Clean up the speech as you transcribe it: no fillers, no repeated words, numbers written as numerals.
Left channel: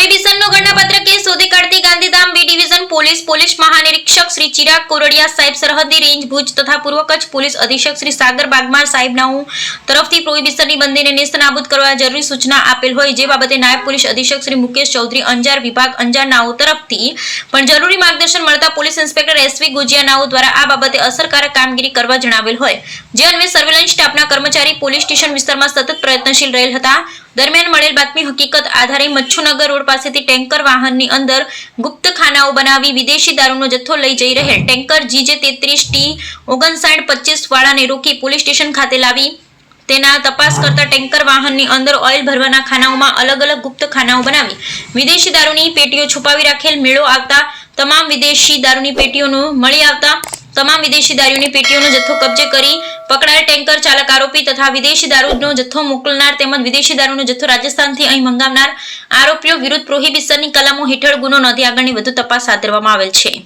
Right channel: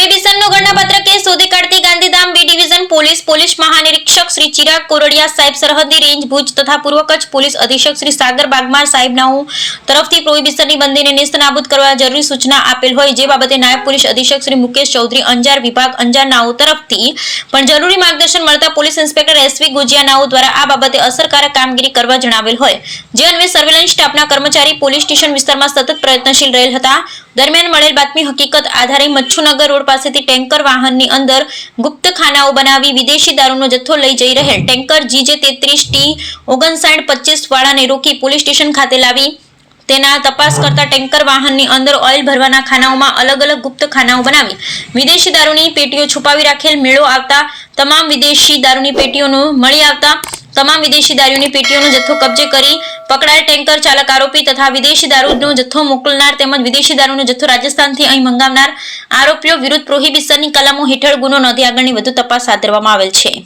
પ્રોહિબિશનનો ઘટનાપત્ર કેસ શોધી કાઢતી ગાંધીધામ બી ડિવિઝન પોલીસ મહાનિરીક્ષક શ્રી ચિરાગ કોરડિયા સાહેબ, સરહદી રેન્જ ભુજ તથા પૂર્વ કચ્છ પોલીસ અધિક્ષક શ્રી સાગર બાગમાર સાહેબનાઓ તરફથી પ્રોહિબિશનની બંદીને નેસ્તનાબૂદ કરવા જરૂરી સૂચના આપેલ હોય, જે બાબતે નાયબ પોલીસ અધિક્ષક શ્રી મુકેશ ચૌધરી અંજાર વિભાગ અંજારનાઓ તરફથી પણ જરૂરી માર્ગદર્શન મળતા પોલીસ ઇન્સ્પેક્ટર એસવી ગુજિયાનાઓ દ્વારા આ બાબતે અસરકારક કામગીરી કરવા જણાવેલ હોય, જે અન્વયે સર્વેલન્સ સ્ટાફના કર્મચારી પોલીસ સ્ટેશન વિસ્તારમાં સતત પ્રયત્નશીલ રહેલ હતા। દરમિયાન મળેલ બાતમી હકીકત આધારે મચ્છુનગર રોડ પાસેથી ટેન્કર વાહનની અંદર ગુપ્ત ખાનાઓ બનાવી વિદેશી દારૂનો જથ્થો લઈ જઈ રહેલ ટેન્કર GJ 33T5925 વાળાને રોકી પોલીસ સ્ટેશન ખાતે લાવી તેના તપાસ કરતા ટેન્કર વાહનની અંદર ઓઇલ ભરવાના ખાનાઓમાં અલગ અલગ ગુપ્ત ખાનાઓ બનાવી વિદેશી દારૂની પેટીઓ છુપાવી રાખેલ મેળો આવતા તમામ વિદેશી દારૂની પેટીઓનો મળી આવતા તમામ વિદેશી દારૂની પેટીઓનો જથ્થો કબજે કરી પકડાયેલ ટેન્કર ચાલક આરોપી તથા વિદેશી દારૂનો જથ્થો મોકલનાર તેમજ વિદેશી દારૂનો જથ્થો રાજસ્થાનથી અહીં મંગાવનાર આરોપીઓ વિરુદ્ધ પ્રોહિબિશનની કલમો હેઠળ ગુનો નોંધી આગળની વધુ તપાસ હાથ ધરવામાં આવેલ છે।